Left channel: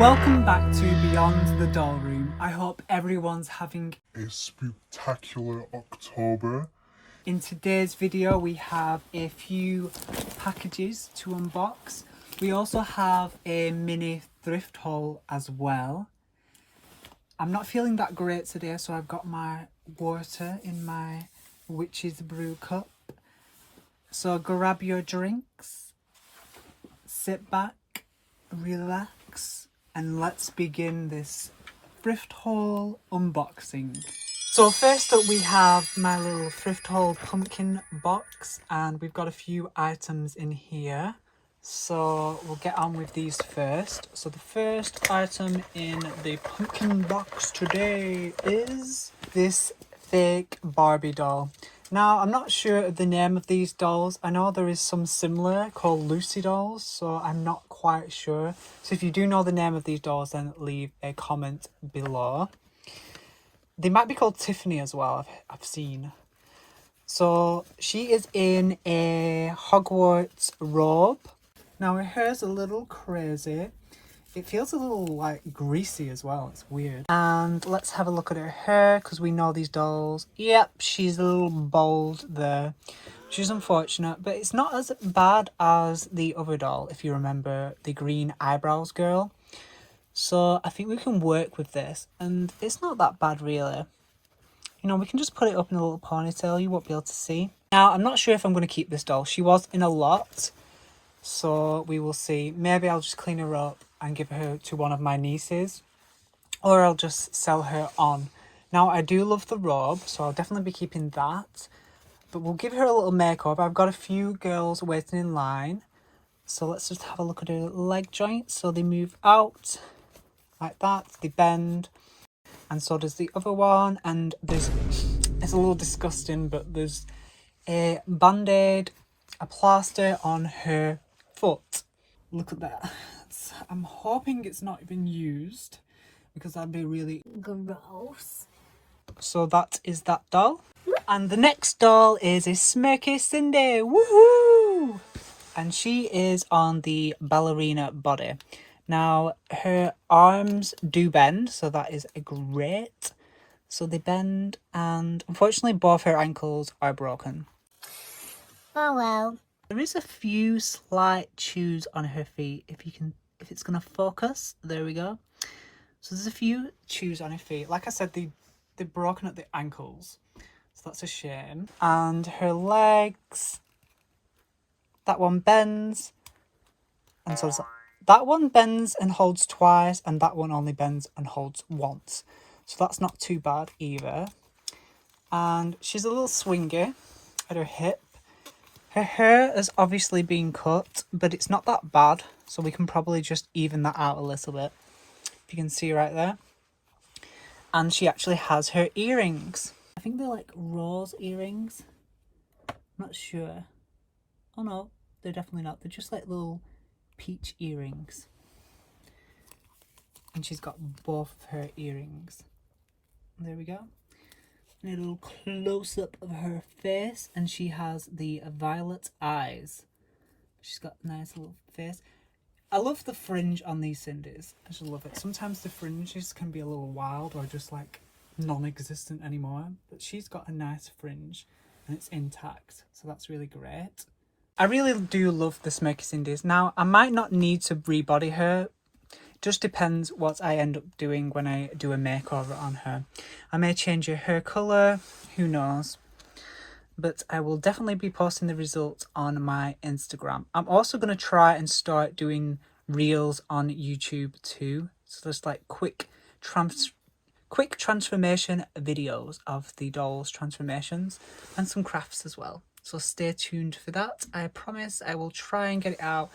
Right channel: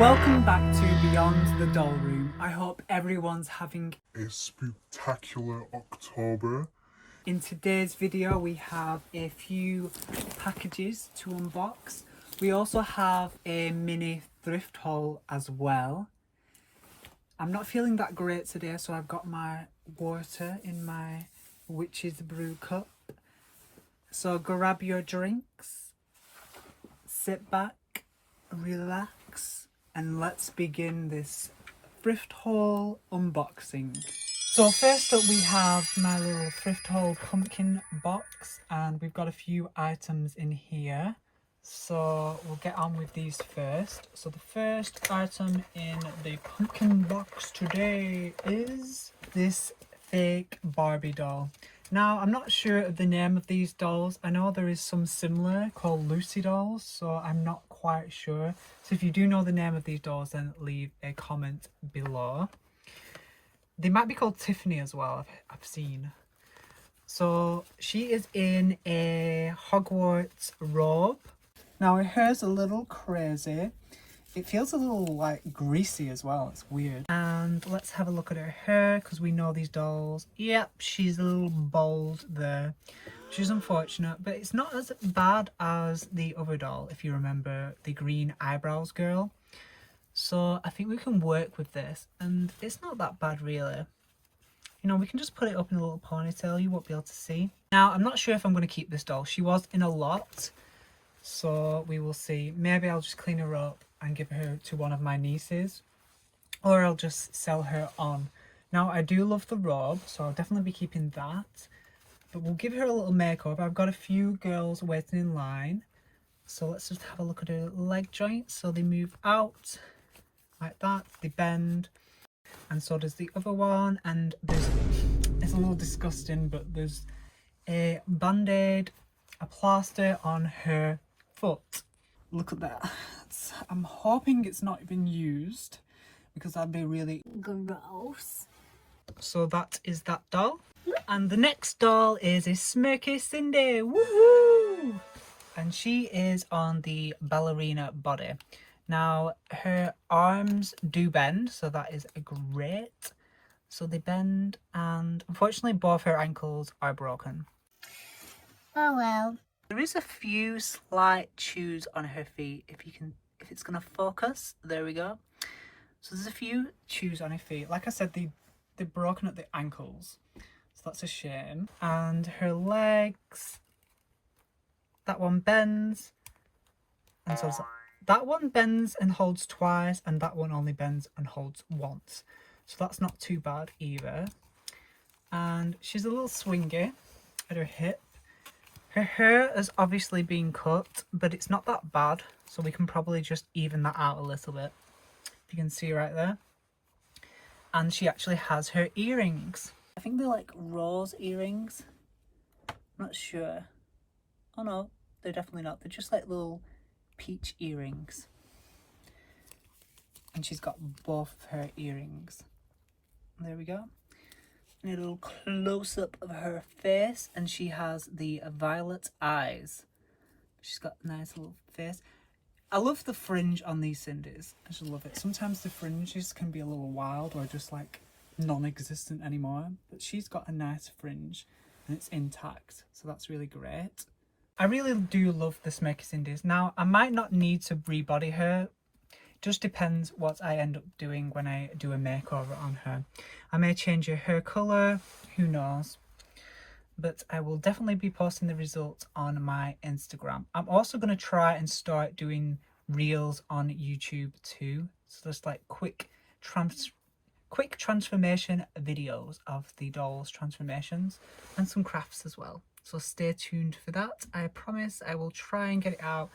Welcome back to Beyond the Doll Room. I hope everyone's having a spectacular October. In today's video we have a few packages to unbox. We also have a mini thrift haul as well. I'm not feeling that great today, so I've got my water in my witch's brew cup. So grab your drinks, sit back, relax, and let's begin this thrift haul unboxing. So first up we have my little thrift haul pumpkin box, and we've got a few items in here. So we'll get on with these first. So the first item in the pumpkin box today is this fake Barbie doll. Now, I'm not sure of the name of these dolls. I know there is some similar called Lucy dolls, so I'm not quite sure. So if you do know the name of these dolls, then leave a comment below. They might be called Tiffany as well, I've seen. So she is in a Hogwarts robe. Now her hair's a little crazy. It feels a little like greasy as well. It's weird. And let's have a look at her hair, because we know these dolls. Yep, she's a little bald there. She's unfortunate, but it's not as bad as the other doll, if you remember, the green eyebrows girl. So I think we can work with this, and it's not that bad really. You know, we can just put it up in a little ponytail. You won't be able to see. Now, I'm not sure if I'm going to keep this doll. She was in a lot, so we will see. Maybe I'll just clean her up and give her to one of my nieces, or I'll just sell her on. Now, I do love the robe, so I'll definitely be keeping that, but we'll give her a little makeover. I've got a few girls waiting in line, so let's just have a look at her leg joints. So they move out like that, they bend, and so does the other one. And there's, it's a little disgusting, but there's a band-aid, a plaster on her foot. Look at that. I'm hoping it's not even used, because that'd be really gross. So that is that doll. And the next doll is a Smirky Cindy. Woohoo! And she is on the ballerina body. Now her arms do bend, so that is great. So they bend, and unfortunately both her ankles are broken. Oh well. There is a few slight chews on her feet. If it's gonna focus, there we go. So there's a few chews on her feet. Like I said, they're broken at the ankles, so that's a shame. And her legs, that one bends, and so that one bends and holds twice, and that one only bends and holds once. So that's not too bad either. And she's a little swingy at her hip. Her hair has obviously been cut, but it's not that bad, so we can probably just even that out a little bit. If you can see right there. And she actually has her earrings. I think they're like rose earrings. I'm not sure. Oh no, they're definitely not. They're just like little peach earrings. And she's got both of her earrings. There we go. A little close-up of her face, and she has the violet eyes. She's got a nice little face. I love the fringe on these Cindy's. I just love it. Sometimes the fringes can be a little wild or just like non-existent anymore, but she's got a nice fringe and it's intact, so that's really great. I really do love the Smirky Cindy's. Now, I might not need to rebody her. Just depends what I end up doing when I do a makeover on her. I may change her hair colour, who knows. But I will definitely be posting the results on my Instagram. I'm also going to try and start doing reels on YouTube too. So just like quick transformation videos of the dolls' transformations, and some crafts as well. So stay tuned for that. I promise I will try and get it out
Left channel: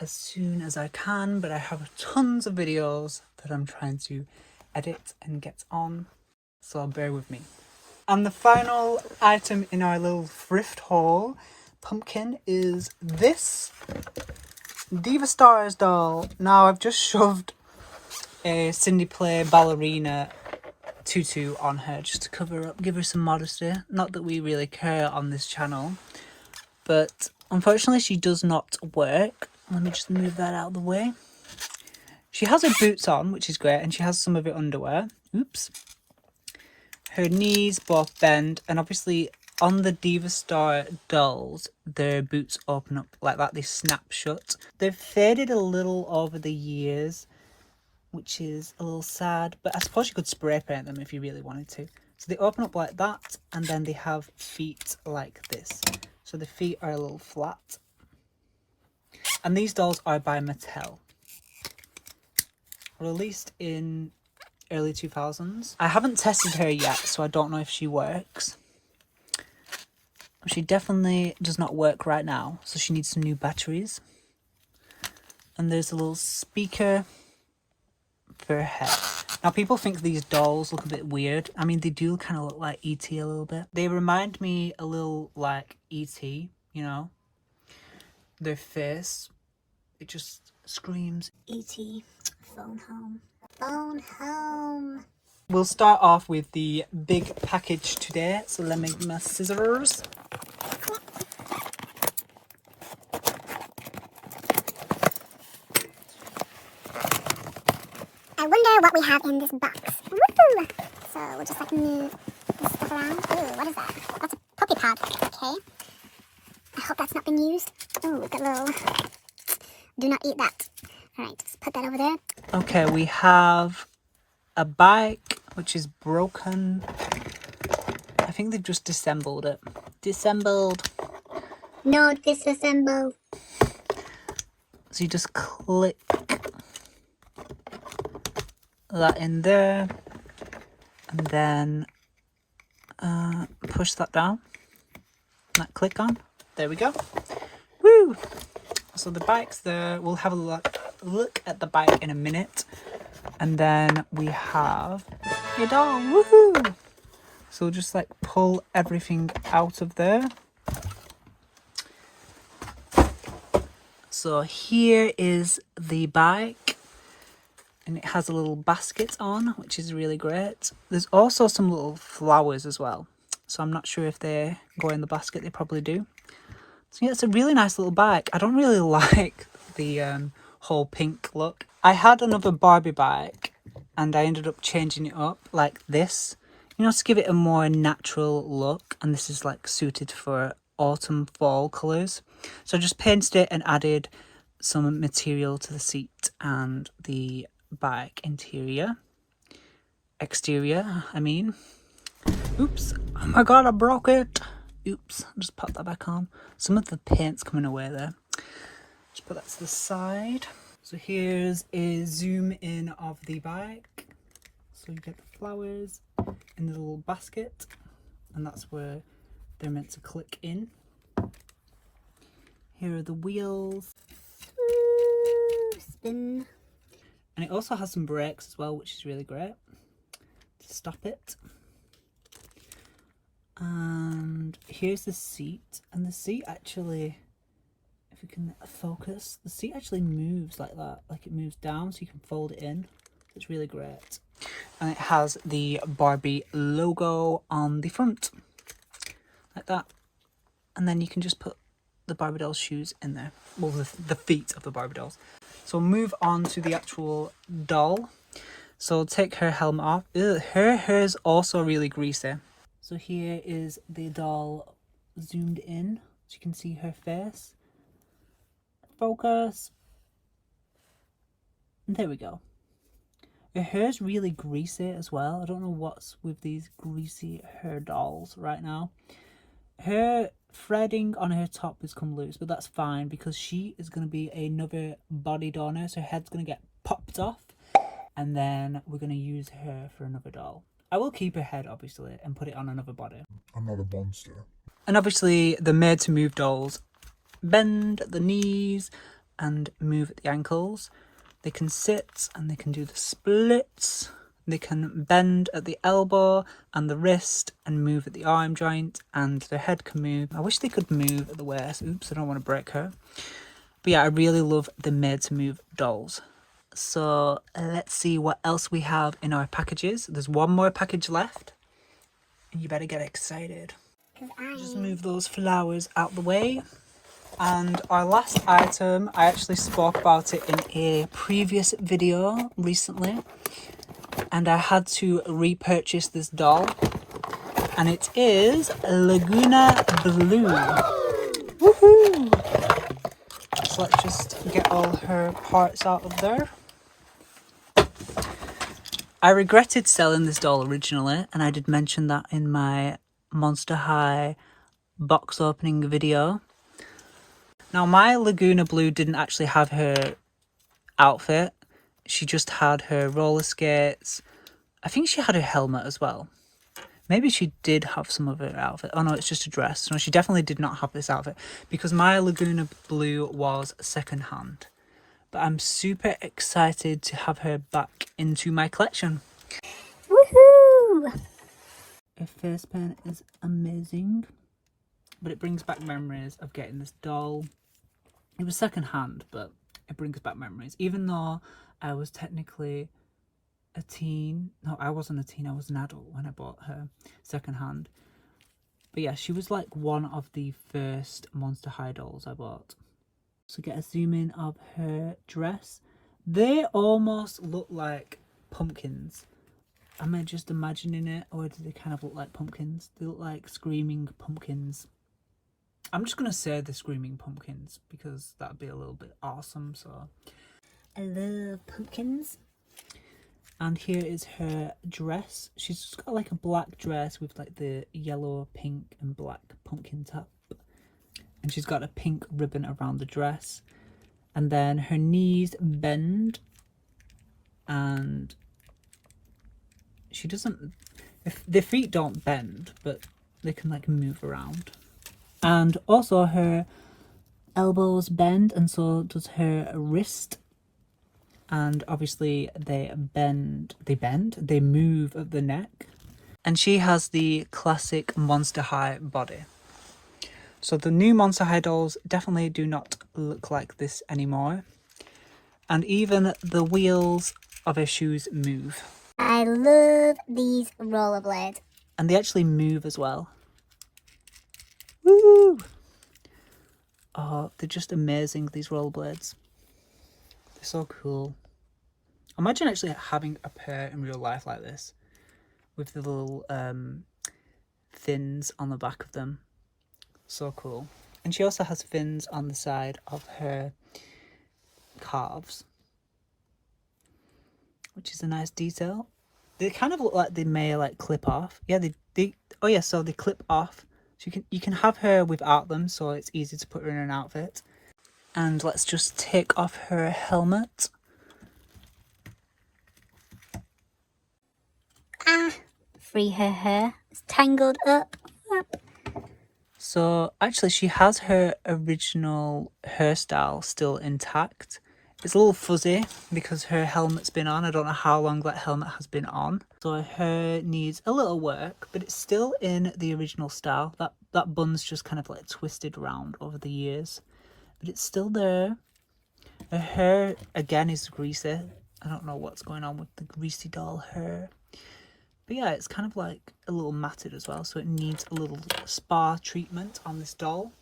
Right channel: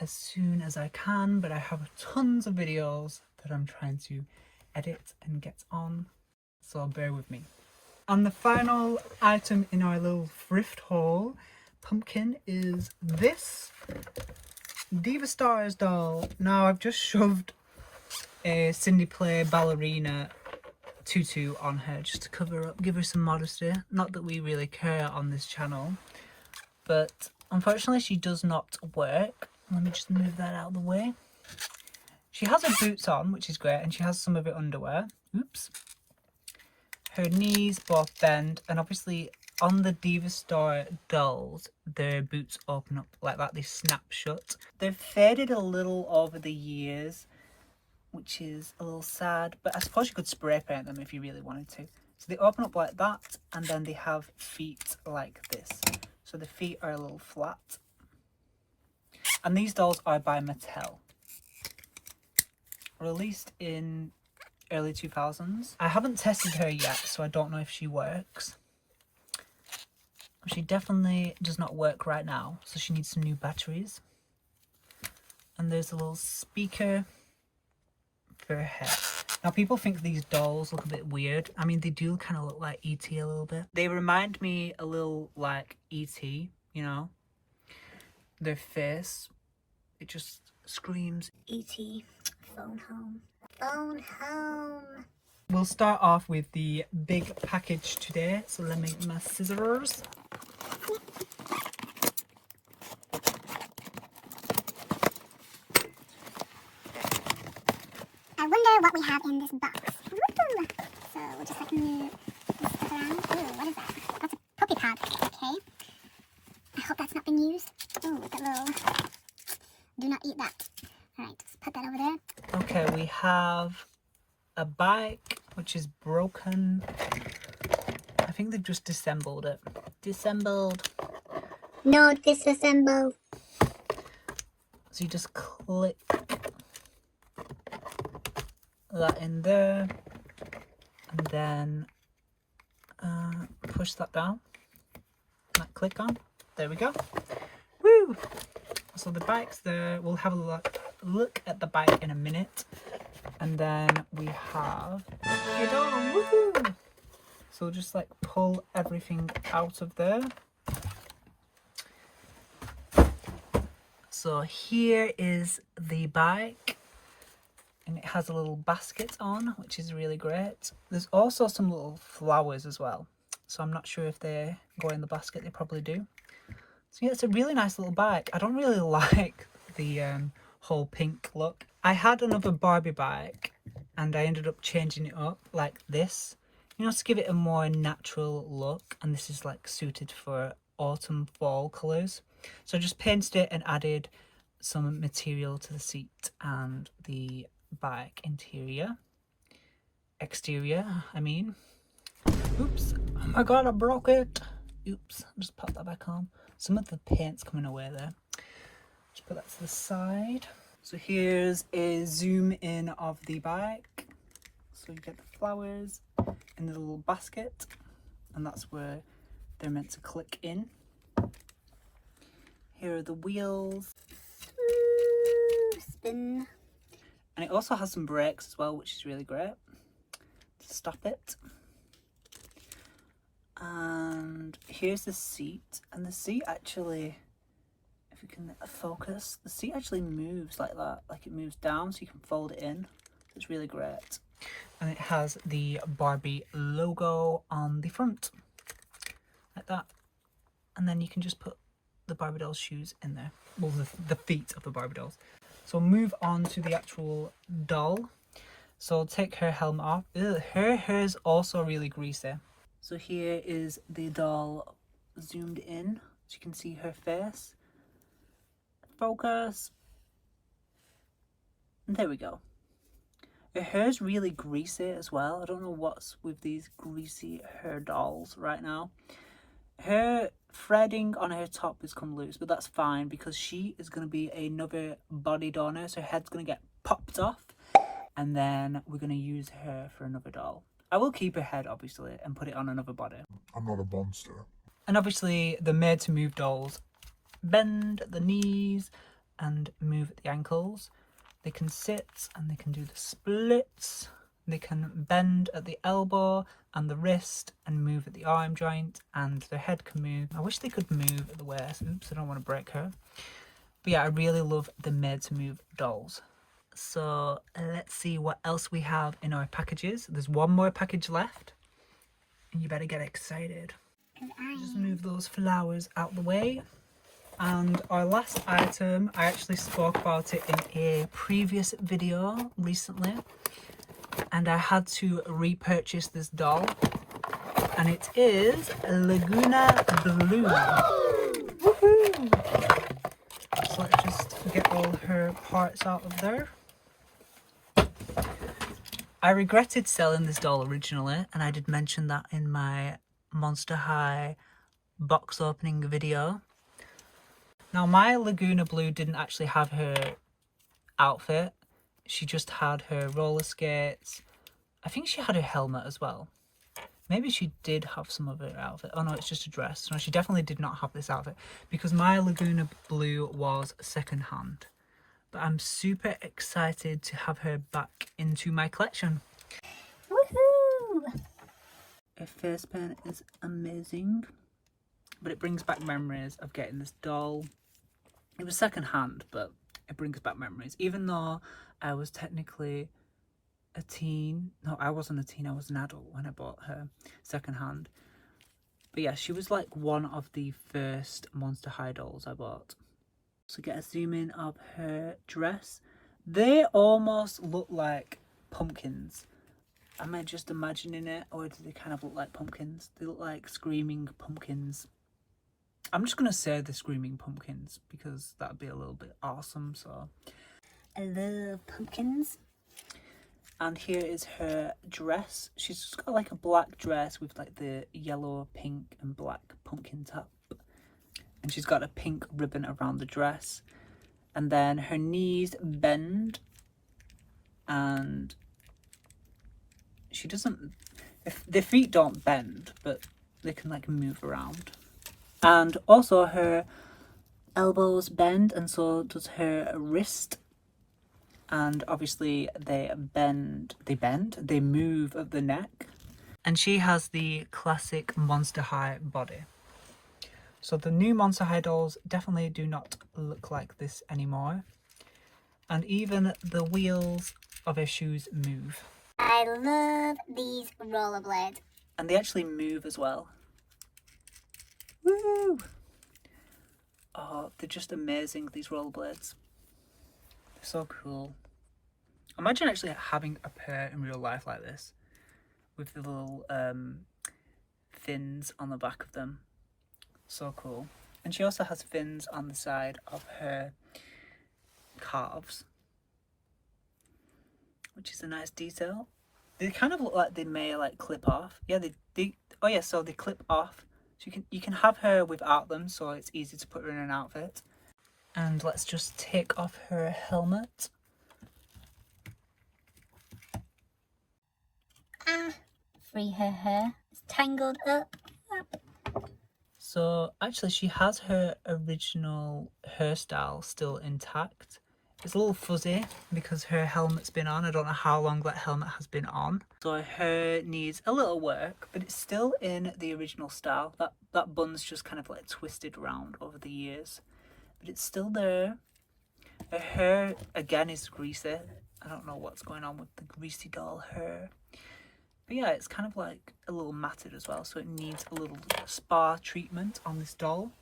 as soon as I can, but I have tons of videos that I'm trying to edit and get on, so bear with me. And the final item in our little thrift haul pumpkin is this Diva Starz doll. Now I've just shoved a Cindy Play ballerina tutu on her just to cover up, give her some modesty. Not that we really care on this channel, but unfortunately she does not work. Let me just move that out of the way. She has her boots on, which is great, and she has some of her underwear. Oops. Her knees both bend, and obviously on the Diva Star dolls, their boots open up like that. They snap shut. They've faded a little over the years, which is a little sad, but I suppose you could spray paint them if you really wanted to. So they open up like that, and then they have feet like this. So the feet are a little flat. And these dolls are by Mattel. Released in early 2000s. I haven't tested her yet, so I don't know if she works. She definitely does not work right now, so she needs some new batteries. And there's a little speaker for her head. Now, people think these dolls look a bit weird. I mean, they do kind of look like E.T. a little bit. They remind me a little like E.T., you know? Their face, it just screams E.T. Phone home. Phone home. We'll start off with the big package today. So let me get my scissors. I wonder what we have in this box. Woo! So we'll just like move this stuff around. Ooh, what is that? That's a puppy pad. Okay. I hope that's not been used. Ooh, we've got a little... Do not eat that. Alright, just put that over there. Okay, we have a bike, which is broken. I think they've just disassembled it. Disassembled. No disassemble. So you just click that in there, and then push that down. That click on. There we go. Woo! So the bike's there. We'll have a look at the bike in a minute. And then we have a doll. Woohoo! So we'll just like pull everything out of there. So here is the bike. And it has a little basket on, which is really great. There's also some little flowers as well. So I'm not sure if they go in the basket. They probably do. So yeah, it's a really nice little bike. I don't really like the whole pink look. I had another Barbie bike and I ended up changing it up like this, you know, to give it a more natural look. And this is like suited for autumn fall colours. So I just painted it and added some material to the seat and the bike exterior, I mean. Oops, oh my god, I broke it. Oops, I'll just pop that back on. Some of the paint's coming away there. Just put that to the side. So here's a zoom in of the bike. So you get the flowers in the little basket, and that's where they're meant to click in. Here are the wheels. Spin. And it also has some brakes as well, which is really great to stop it. And here's the seat, and the seat actually, if you can focus, the seat actually moves like that, like it moves down so you can fold it in. It's really great. And it has the Barbie logo on the front, like that. And then you can just put the Barbie doll's shoes in there, well, the feet of the Barbie dolls. So we'll move on to the actual doll. So take her helmet off. Ugh, her hair's also really greasy. So here is the doll zoomed in, so you can see her face. Focus. And there we go. Her hair's really greasy as well. I don't know what's with these greasy hair dolls right now. Her threading on her top has come loose, but that's fine because she is going to be another body donor. So her head's going to get popped off, and then we're going to use her for another doll. I will keep her head, obviously, and put it on another body. I'm not a monster. And obviously, the made-to-move dolls bend at the knees and move at the ankles. They can sit and they can do the splits. They can bend at the elbow and the wrist and move at the arm joint, and their head can move. I wish they could move at the waist. Oops, I don't want to break her. But yeah, I really love the made-to-move dolls. So let's see what else we have in our packages. There's one more package left. And you better get excited. Just move those flowers out the way. And our last item, I actually spoke about it in a previous video recently, and I had to repurchase this doll, and it is Lagona Blue. Woohoo! So let's just get all her parts out of there. I regretted selling this doll originally, and I did mention that in my Monster High box opening video. Now, my Lagona Blue didn't actually have her outfit. She just had her roller skates. I think she had her helmet as well. Maybe she did have some of her outfit. Oh no, it's just a dress. No, she definitely did not have this outfit because my Lagona Blue was secondhand. But I'm super excited to have her back into my collection. Woohoo! Her face paint is amazing, but it brings back memories of getting this doll. It was secondhand, but it brings back memories. Even though I was technically a teen. No, I wasn't a teen. I was an adult when I bought her secondhand. But yeah, she was like one of the first Monster High dolls I bought. So get a zoom in of her dress. They almost look like pumpkins. Am I just imagining it, or do they kind of look like pumpkins? They look like screaming pumpkins. I'm just going to say the screaming pumpkins because that'd be a little bit awesome. So I love pumpkins. And here is her dress. She's just got like a black dress with like the yellow, pink and black pumpkin top. And she's got a pink ribbon around the dress. And then her knees bend. And she doesn't... The feet don't bend, but they can like move around. And also her elbows bend, and so does her wrist. And obviously they move at the neck. And she has the classic Monster High body. So the new Monster High dolls definitely do not look like this anymore. And even the wheels of her shoes move. I love these rollerblades. And they actually move as well. Woo! Oh, they're just amazing, these rollerblades. They're so cool. Imagine actually having a pair in real life like this, with the little fins on the back of them. So cool. And she also has fins on the side of her calves, which is a nice detail. They kind of look like they may like clip off. Yeah, so they clip off. So you can have her without them, so it's easy to put her in an outfit. And let's just take off her helmet. Free her hair. It's tangled up. So actually she has her original hairstyle still intact. It's a little fuzzy because her helmet's been on. I don't know how long that helmet has been on. So her hair needs a little work, but it's still in the original style. That bun's just kind of like twisted around over the years. But it's still there. Her hair, again, is greasy. I don't know what's going on with the greasy doll hair. But yeah, it's kind of like a little matted as well, so it needs a little spa treatment on this doll.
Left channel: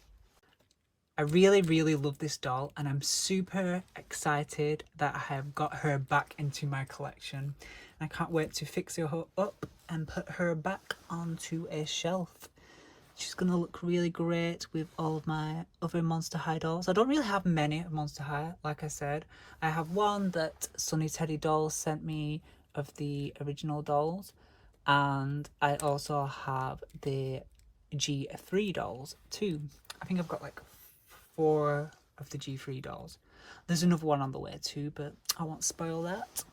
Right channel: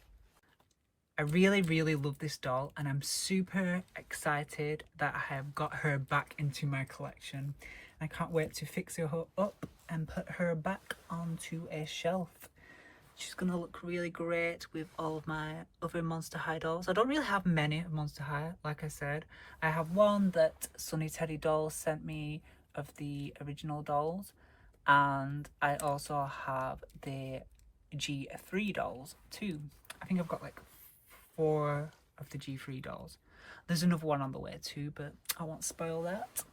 I really, really love this doll, and I'm super excited that I have got her back into my collection. I can't wait to fix her up and put her back onto a shelf. She's going to look really great with all of my other Monster High dolls. I don't really have many Monster High, like I said. I have one that Sunny Teddy Dolls sent me of the original dolls. And I also have the G3 dolls too. I think I've got like 4 of the G3 dolls. There's another one on the way too, but I won't spoil that.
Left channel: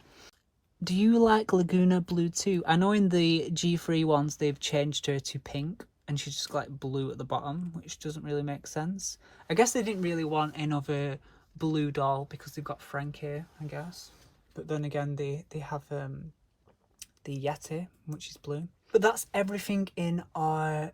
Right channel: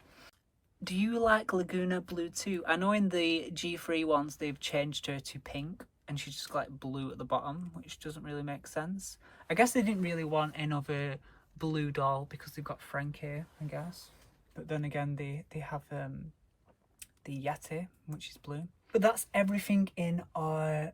Do you like Lagona Blue too? I know in the G3 ones they've changed her to pink and she's just like blue at the bottom, which doesn't really make sense. I guess they didn't really want another blue doll because they've got Frankie, I guess. But then again, they have the Yeti, which is blue. But that's everything in our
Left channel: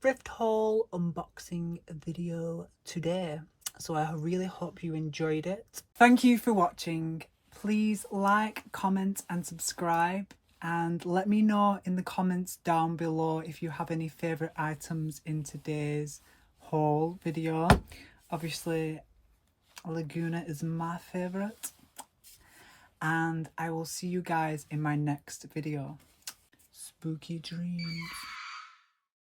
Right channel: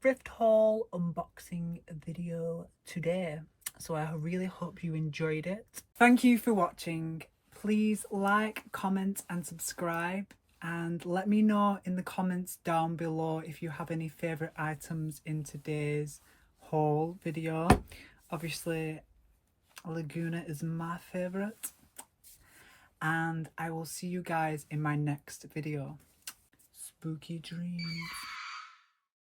thrift haul unboxing video today. So I really hope you enjoyed it. Thank you for watching. Please like, comment and subscribe, and let me know in the comments down below if you have any favourite items in today's haul video. Obviously, Laguna is my favourite. And I will see you guys in my next video. Spooky dreams.